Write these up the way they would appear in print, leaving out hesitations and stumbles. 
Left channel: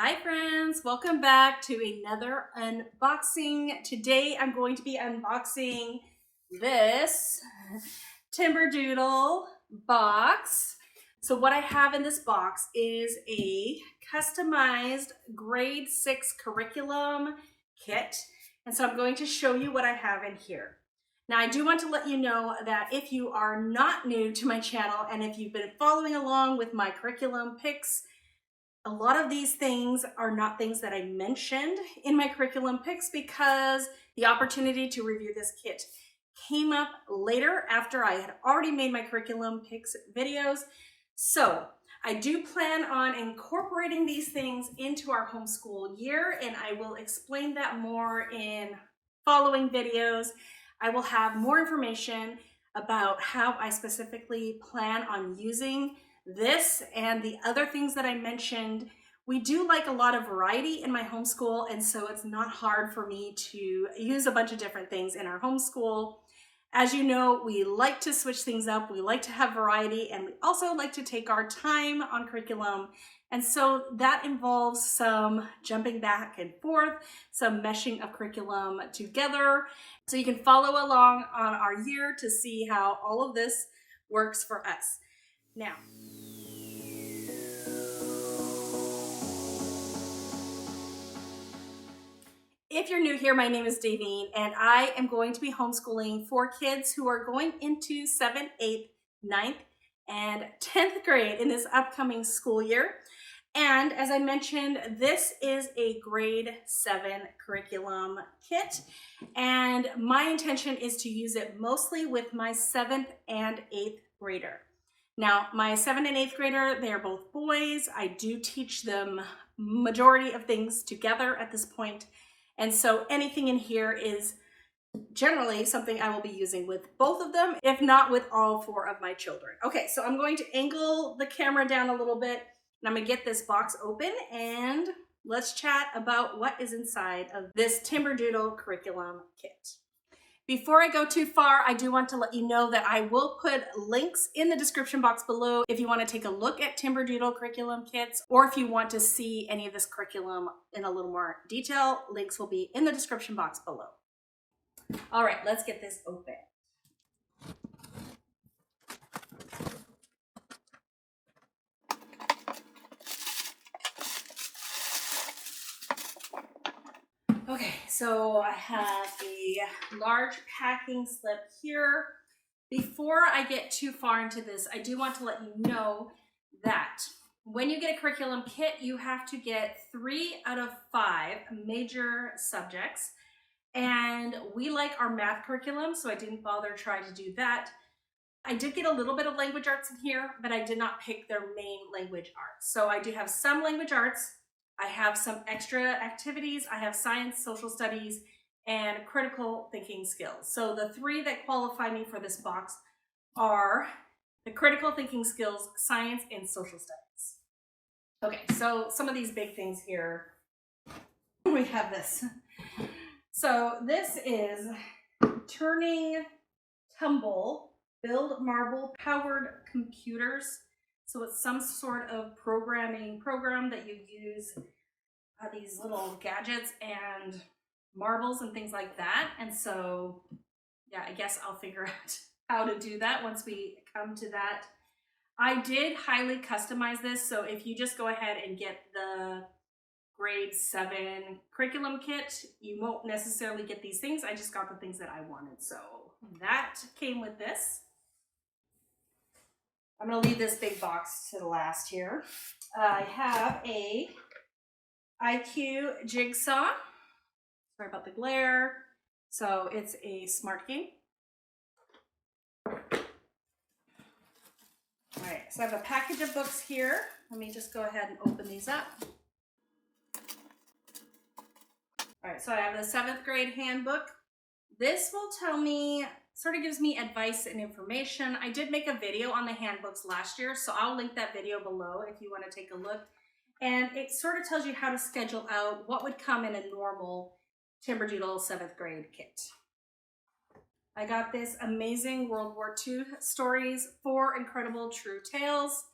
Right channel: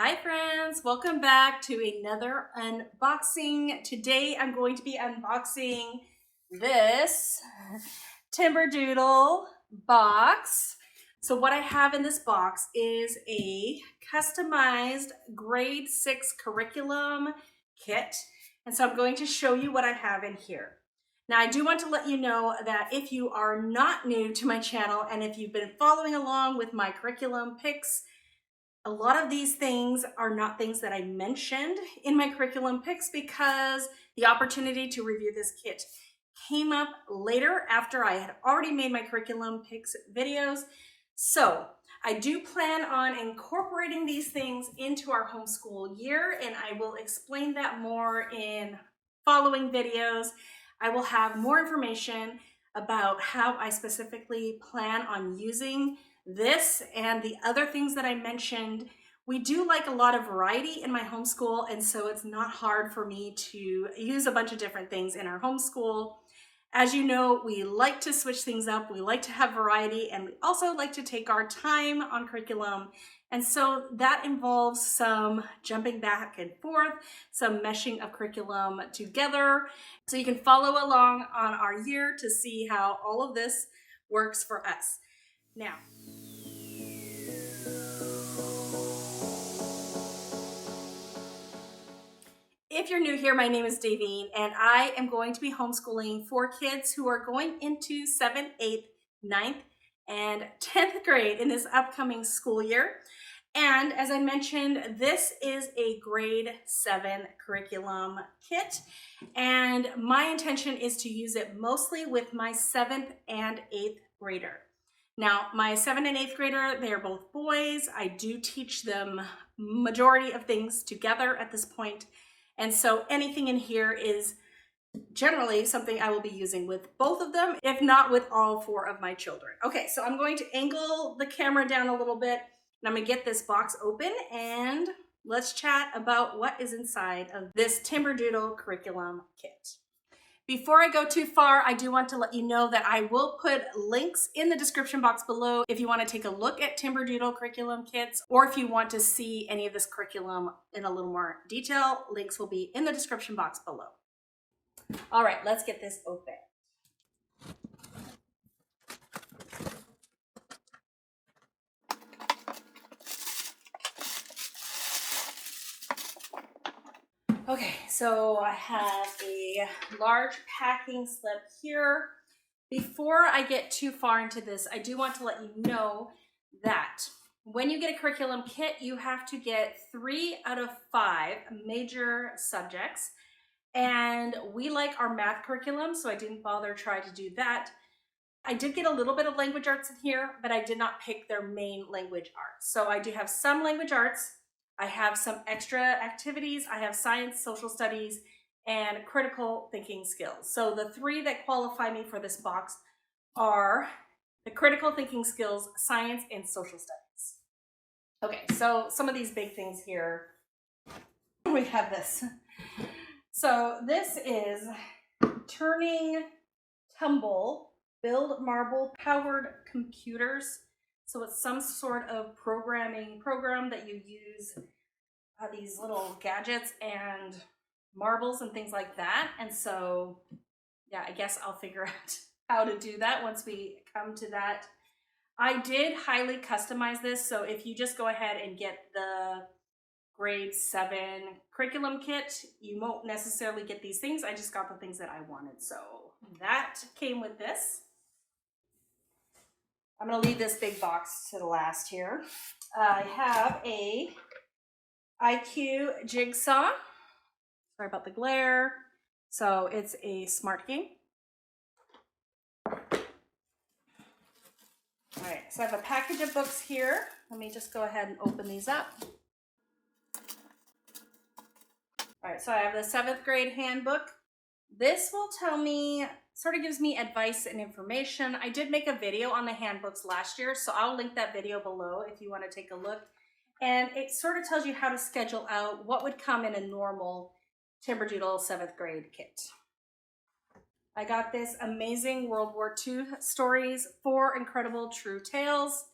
Hi friends, welcome back to another unboxing. Today I'm going to be unboxing this Timberdoodle box. So what I have in this box is a customized grade 6 curriculum kit. And so I'm going to show you what I have in here. Now I do want to let you know that if you are not new to my channel and if you've been following along with my curriculum picks, a lot of these things are not things that I mentioned in my curriculum picks because the opportunity to review this kit came up later after I had already made my curriculum picks videos. So I do plan on incorporating these things into our homeschool year, and I will explain that more in following videos. I will have more information about how I specifically plan on using this and the other things that I mentioned. We do like a lot of variety in my homeschool, and so it's not hard for me to use a bunch of different things in our homeschool. As you know, we like to switch things up, we like to have variety, and we also like to take our time on curriculum. And so that involves some jumping back and forth, some meshing of curriculum together. So you can follow along on our year to see how all of this works for us. Now, if you're new here, my name is Davine, and I am going to be homeschooling for kids who are going into 7th, 8th, 9th, and 10th grade in this upcoming school year. And as I mentioned, this is a grade 7 curriculum kit, and my intention is to use it mostly with my 7th and 8th grader. Now, my 7th and 8th grader, they are both boys. I do teach them majority of things together at this point. And so anything in here is generally something I will be using with both of them, if not with all 4 of my children. Okay, so I'm going to angle the camera down a little bit, and I'm gonna get this box open and let's chat about what is inside of this Timberdoodle curriculum kit. Before I go too far, I do want to let you know that I will put links in the description box below if you want to take a look at Timberdoodle curriculum kits, or if you want to see any of this curriculum in a little more detail, links will be in the description box below. All right, let's get this open. Okay, so I have a large packing slip here. Before I get too far into this, I do want to let you know that when you get a curriculum kit, you have to get 3 out of 5 major subjects. And we like our math curriculum, so I didn't bother trying to do that. I did get a little bit of language arts in here, but I did not pick their main language arts. So I do have some language arts. I have some extra activities. I have science, social studies, and critical thinking skills. So the 3 that qualify me for this box are the critical thinking skills, science, and social studies. Okay, so some of these big things here, we have this. So this is Turing Tumble, build marble powered computers. So it's some sort of programming program that you use these little gadgets and marbles and things like that. And so, yeah, I guess I'll figure out how to do that once we come to that. I did highly customize this. So if you just go ahead and get the grade 7 curriculum kit, you won't necessarily get these things. I just got the things that I wanted. So that came with this. I'm going to leave this big box to the last here. I have a IQ Jigsaw. Sorry about the glare. So it's a smart game. All right, so I have a package of books here. Let me just go ahead and open these up. All right, so I have the 7th grade handbook. This will tell me, sort of gives me advice and information. I did make a video on the handbooks last year, so I'll link that video below if you want to take a look. And it sort of tells you how to schedule out what would come in a normal Timberdoodle 7th grade kit. I got this amazing World War II stories, 4 incredible true tales.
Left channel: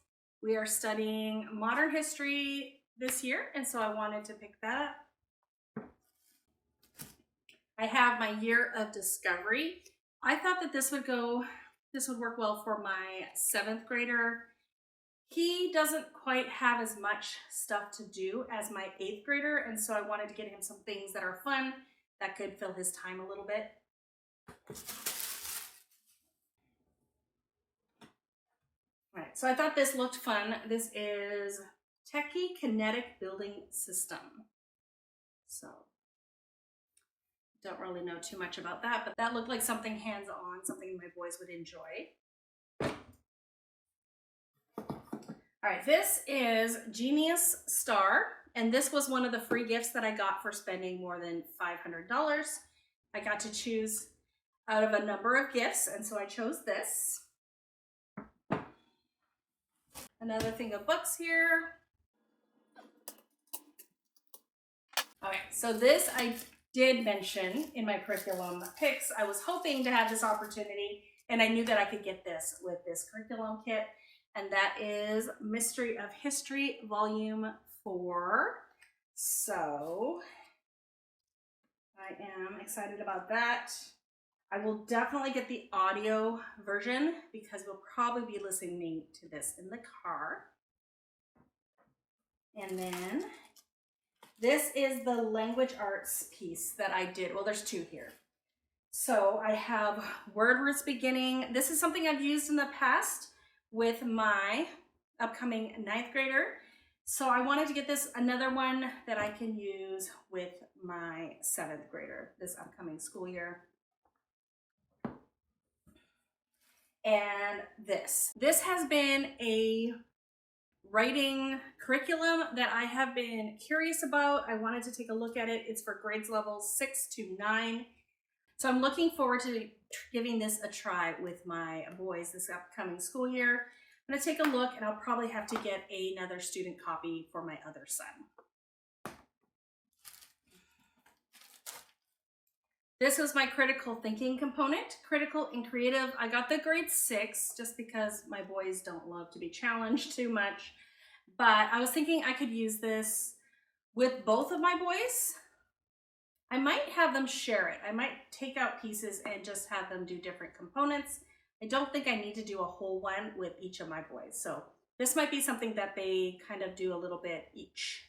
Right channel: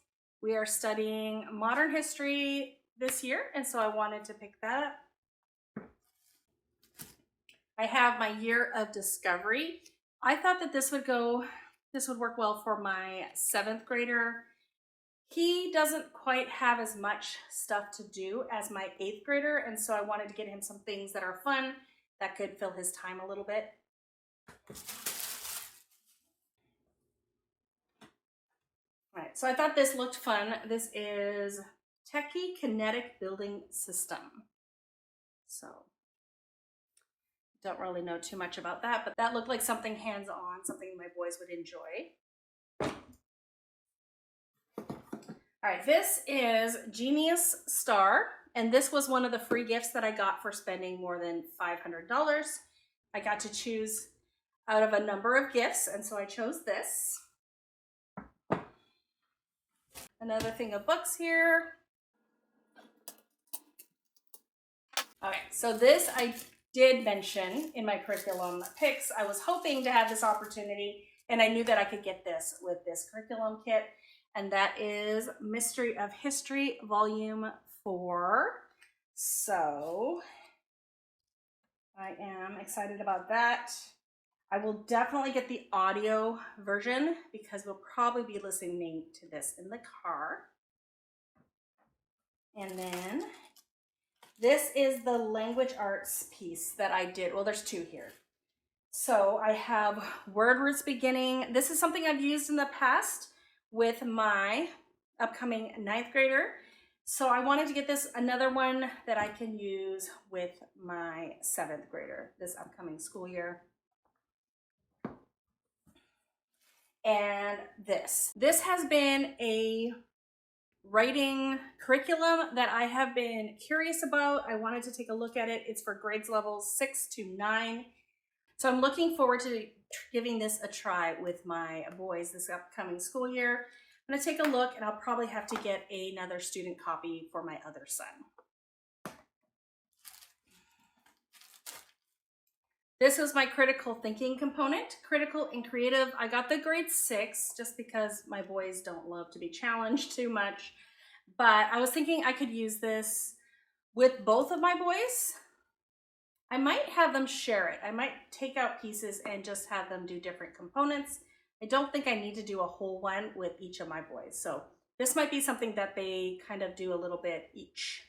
We are studying modern history, this year, and so I wanted to pick that. I have my year of discovery. I thought that this would work well for my 7th grader. He doesn't quite have as much stuff to do as my 8th grader, and so I wanted to get him some things that are fun that could fill his time a little bit. All right, so I thought this looked fun. This is Tecti Kinetic Building System. So don't really know too much about that, but that looked like something hands-on, something my boys would enjoy. All right, this is Genius Star, and this was one of the free gifts that I got for spending more than $500. I got to choose out of a number of gifts, and so I chose this. Another thing of books here. All right, so this I did mention in my curriculum picks. I was hoping to have this opportunity, and I knew that I could get this with this curriculum kit, and that is Mystery of History Volume 4. So I am excited about that. I will definitely get the audio version because we'll probably be listening to this in the car. And then this is the language arts piece that I did. Well, there's 2 here. So I have word roots beginning. This is something I've used in the past with my upcoming 9th grader. So I wanted to get this another one that I can use with my 7th grader this upcoming school year. And this has been a writing curriculum that I have been curious about. I wanted to take a look at it. It's for grades levels 6 to 9. So I'm looking forward to giving this a try with my boys this upcoming school year. I'm going to take a look, and I'll probably have to get another student copy for my other son. This was my critical thinking component, critical and creative. I got the grade 6 just because my boys don't love to be challenged too much. But I was thinking I could use this with both of my boys. I might have them share it. I might take out pieces and just have them do different components. I don't think I need to do a whole one with each of my boys. So this might be something that they kind of do a little bit each.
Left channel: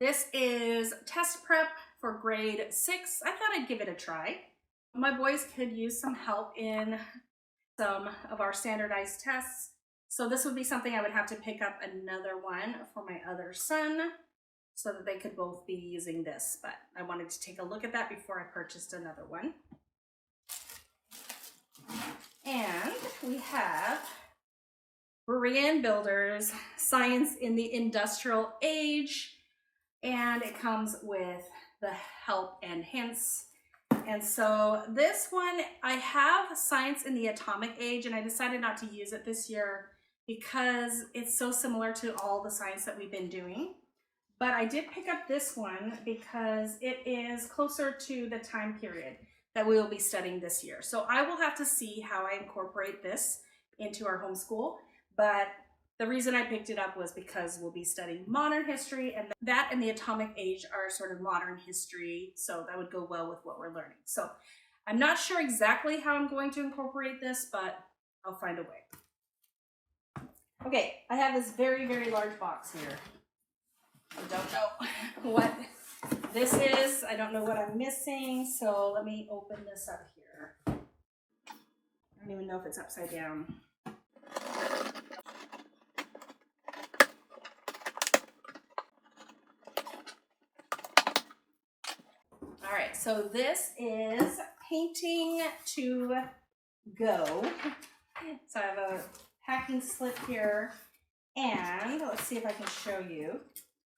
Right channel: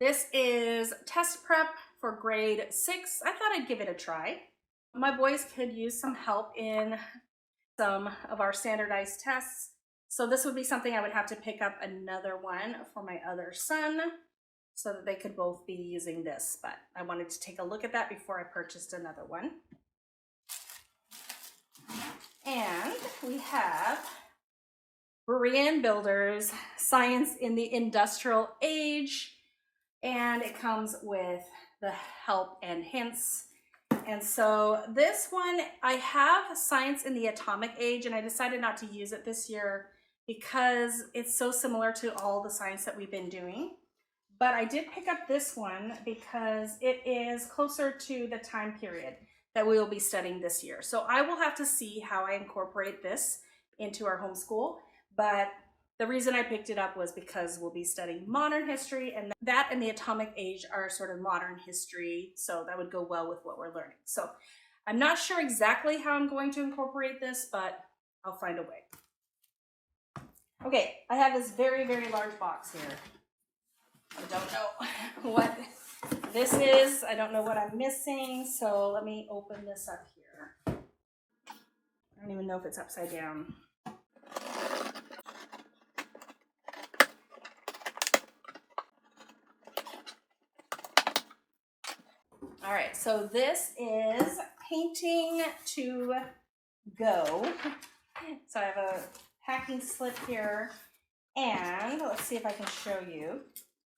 This is test prep for grade 6. I thought I'd give it a try. My boys could use some help in some of our standardized tests. So this would be something I would have to pick up another one for my other son so that they could both be using this. But I wanted to take a look at that before I purchased another one. And we have Berean Builders, Science in the Industrial Age. And it comes with the help and hints. And so this one, I have Science in the Atomic Age, and I decided not to use it this year because it's so similar to all the science that we've been doing. But I did pick up this one because it is closer to the time period that we will be studying this year. So I will have to see how I incorporate this into our homeschool. But the reason I picked it up was because we'll be studying modern history, and that and the atomic age are sort of modern history, so that would go well with what we're learning. So I'm not sure exactly how I'm going to incorporate this, but I'll find a way. Okay, I have this very, very large box here. I don't know what this is. I don't know what I'm missing, so let me open this up here. I don't even know if it's upside down. All right, so this is Painting to Go. So I have a packing slip here, and let's see if I can show you.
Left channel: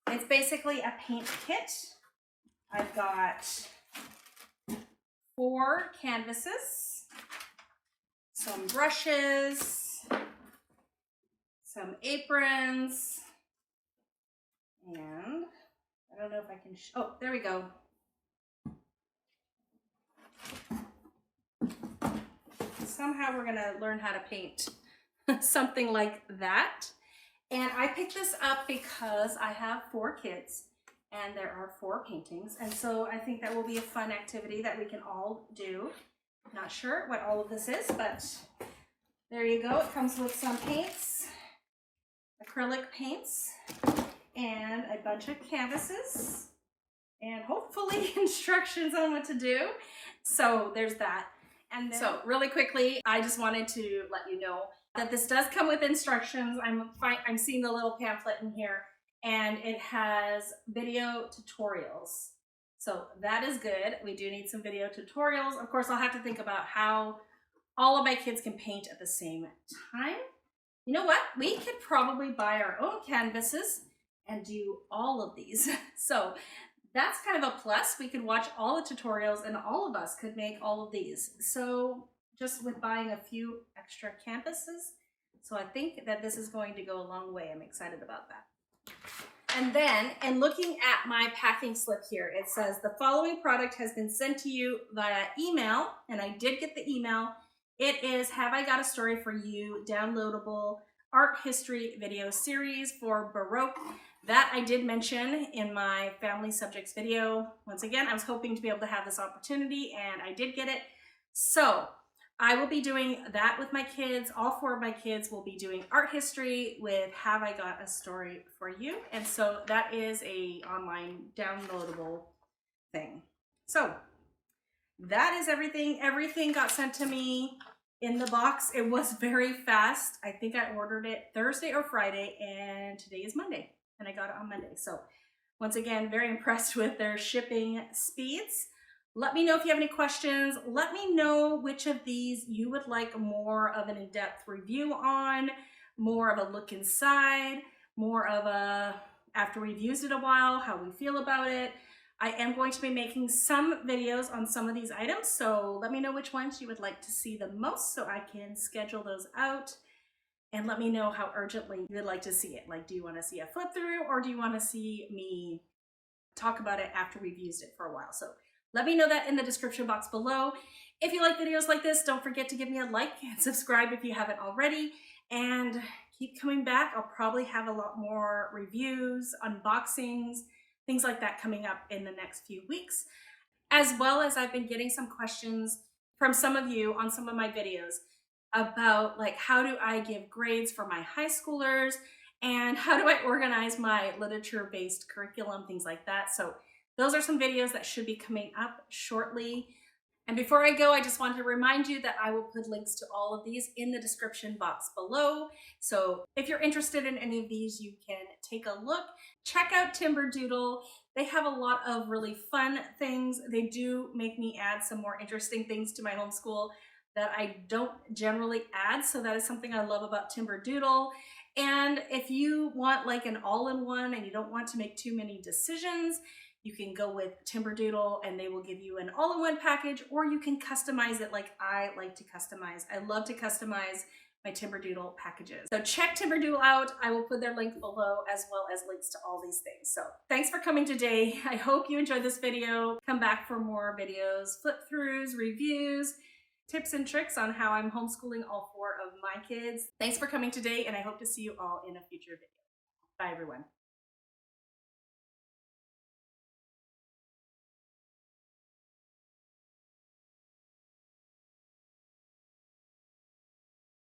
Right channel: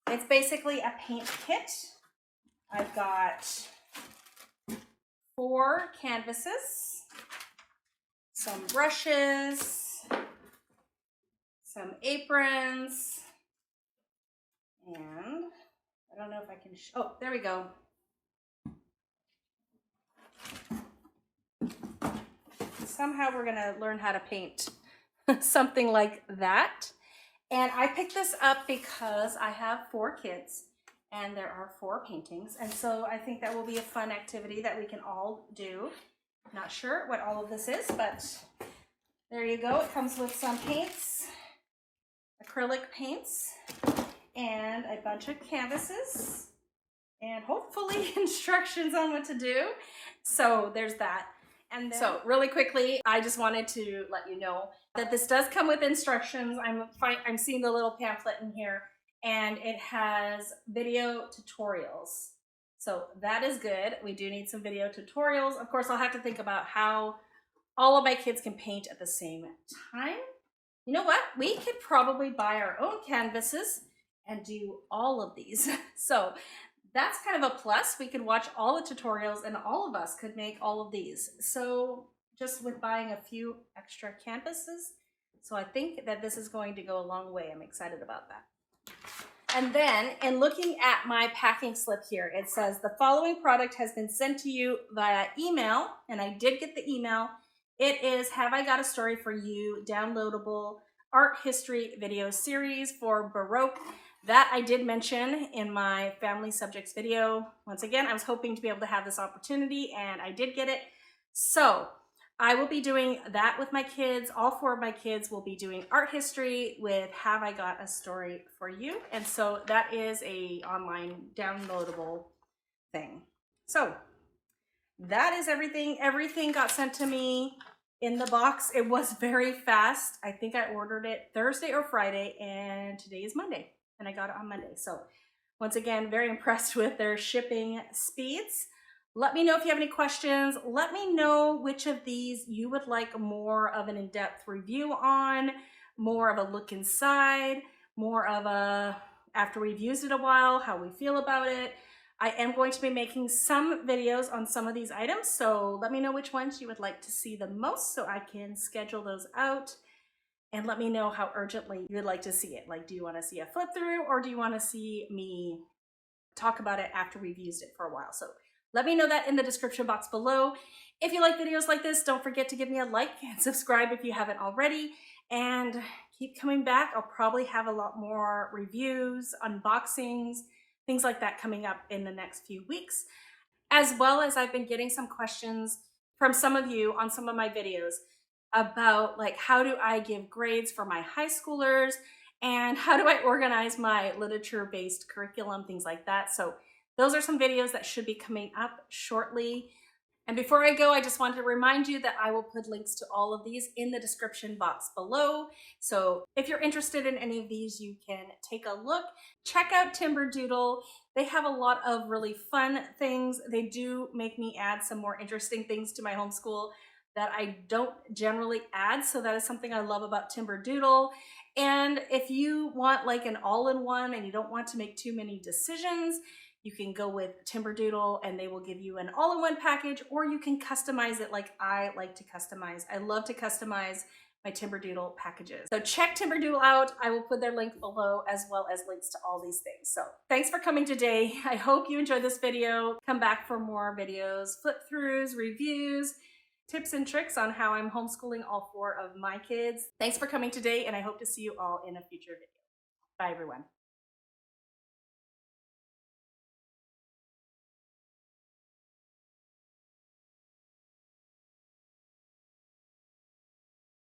It's basically a paint kit. I've got 4 canvases, some brushes, some aprons, and I don't know if I can oh, there we go. Somehow we're gonna learn how to paint something like that. And I picked this up because I have 4 kids and there are 4 paintings. And so I think that will be a fun activity that we can all do. Not sure what all of this is, but there you go. It comes with some paints, acrylic paints, and a bunch of canvases, and hopefully instructions on what to do. So there's that. And then, so really quickly, I just wanted to let you know that this does come with instructions. I'm seeing the little pamphlet in here, and it has video tutorials. So that is good. We do need some video tutorials. Of course, I'll have to think about how all of my kids can paint at the same time. You know what? We could probably buy our own canvases and do all of these. So that's kind of a plus. We could watch all the tutorials and all of us could make all of these. So just with buying a few extra canvases. So I think that this is going to go a long way. I'm excited about that. And then, in looking at my packing slip here, it says the following product has been sent to you via email, and I did get the email. It is Have I Got a Story for You downloadable art history video series for Baroque. That I did mention in my family subjects video. Once again, I was hoping to be able to have this opportunity, and I did get it. So I will be doing that with my kids. All 4 of my kids will be doing art history with Have I Got a Story for You. And so that is a online downloadable thing. So that is everything. Everything got sent to me in the box. It was very fast. I think I ordered it Thursday or Friday, and today is Monday, and I got it on Monday. So once again, very impressed with their shipping speeds. Let me know if you have any questions. Let me know which of these you would like more of an in-depth review on, more of a look inside, more of a, after we've used it a while, how we feel about it. I am going to be making some videos on some of these items, so let me know which ones you would like to see the most so I can schedule those out. And let me know how urgently you would like to see it. Like, do you want to see a flip through, or do you want to see me talk about it after we've used it for a while? So let me know that in the description box below. If you like videos like this, don't forget to give me a like and subscribe if you haven't already. And keep coming back. I'll probably have a lot more reviews, unboxings, things like that coming up in the next few weeks. As well as I've been getting some questions from some of you on some of my videos about, like, how do I give grades for my high schoolers, and how do I organize my literature-based curriculum, things like that. So those are some videos that should be coming up shortly. And before I go, I just want to remind you that I will put links to all of these in the description box below. So if you're interested in any of these, you can take a look. Check out Timberdoodle. They have a lot of really fun things. They do make me add some more interesting things to my homeschool that I don't generally add. So that is something I love about Timberdoodle. And if you want like an all-in-one and you don't want to make too many decisions, you can go with Timberdoodle and they will give you an all-in-one package, or you can customize it like I like to customize. I love to customize my Timberdoodle packages. So check Timberdoodle out. I will put their link below, as well as links to all these things. So thanks for coming today. I hope you enjoyed this video. Come back for more videos, flip throughs, reviews, tips and tricks on how I'm homeschooling all 4 of my kids. Thanks for coming today, and I hope to see you all in a future video. Bye, everyone.